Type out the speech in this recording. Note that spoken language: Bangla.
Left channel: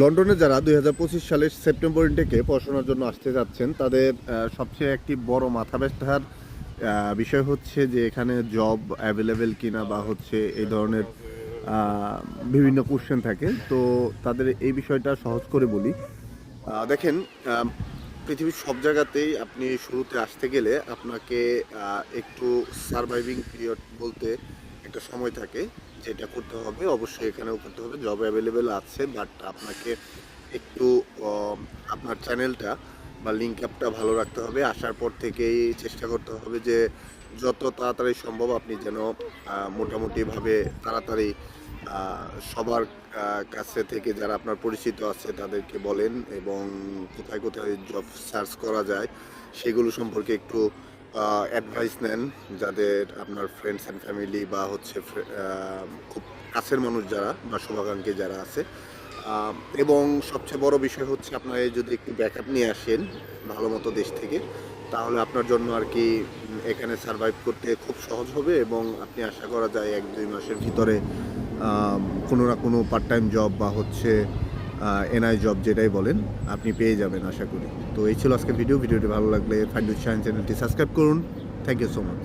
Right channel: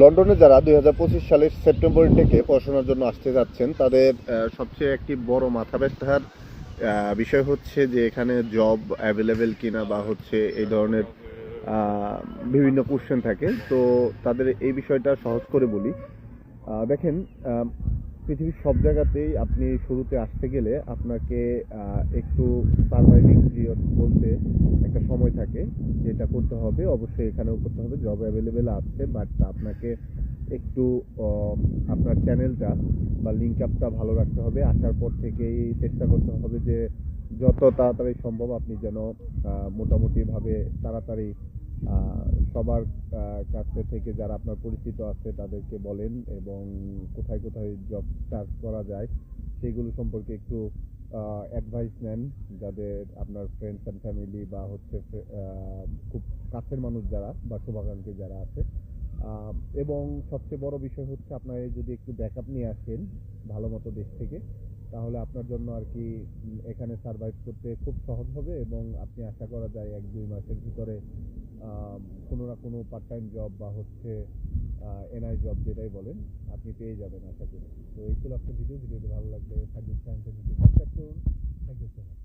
লন্ডনে যারা 2025 সালের সেপ্টেম্বর থেকে পড়াশোনার জন্য আসতে যাচ্ছেন তাদের সবচেয়ে একটি বড় মাথা ব্যথার বিষয় হচ্ছে যে এখানে জব অ্যাভেলেবেল কিনা বা হচ্ছে এই ধরনের বিভিন্ন কোশ্চেন থাকে। তো তাদের এই বিষয়টা সহজ করে বলি। দেখেন, পৃথিবীর সব জায়গাতেই আপনি শুরুতে আসতে গেলে আপনাকে একটু সারভাইভিং পিরিয়ড বলতে একটা সময় থাকে, যেটা করতে হবে। অবশ্যই এখানেও করতে হবে, জব অ্যাভেলেবেল আছে, বাট আপনাকে একটু আপনার চ্যানেলটা বা লিঙ্ক আপটা ভালো রাখতে হবে। আসার পর থেকেই চেষ্টা করতে হবে যে যত তাড়াতাড়ি সম্ভব আপনি যেন মোটামুটিভাবে তাড়াতাড়ি সবার কাছে থেকে যারা আপনার পরিচিত আছে তাদেরকে বলেন, এবং কোথায় কোথায় জব সার্চ করা যায় সেগুলো সম্পর্কে একটু অ্যাডভাইস নেন, যাদের আপনার ফ্রেন্ডস অ্যান্ড ফ্যামিলি বা হচ্ছে খুব কাছের মানুষ যারা বা শুভাকাঙ্ক্ষী যারা আছে। এবং সবচেয়ে বড় বিষয় হচ্ছে আপনারা যদি একটু ব্যাকআপ নিয়ে আসেন ভালো মতো দেশ থেকে, তাহলে আপনার জন্য আর কি এখানে সারভাইভ করতে খুব সহজ হবে, এবং আপনি আশা করা যায় 1-2 মাসের ভিতরে কোনো না কোনো পার্ট টাইম জব বা হচ্ছে এনআই জব যেটাই বলেন আপনি পেয়ে যাবেন আশা করি। তো এই ছিল আজকে ভিডিওটি ভালো লাগলে ফাইন্ড উইথ শাহিন চ্যানেলটি সাবস্ক্রাইব করুন। Thank you so much.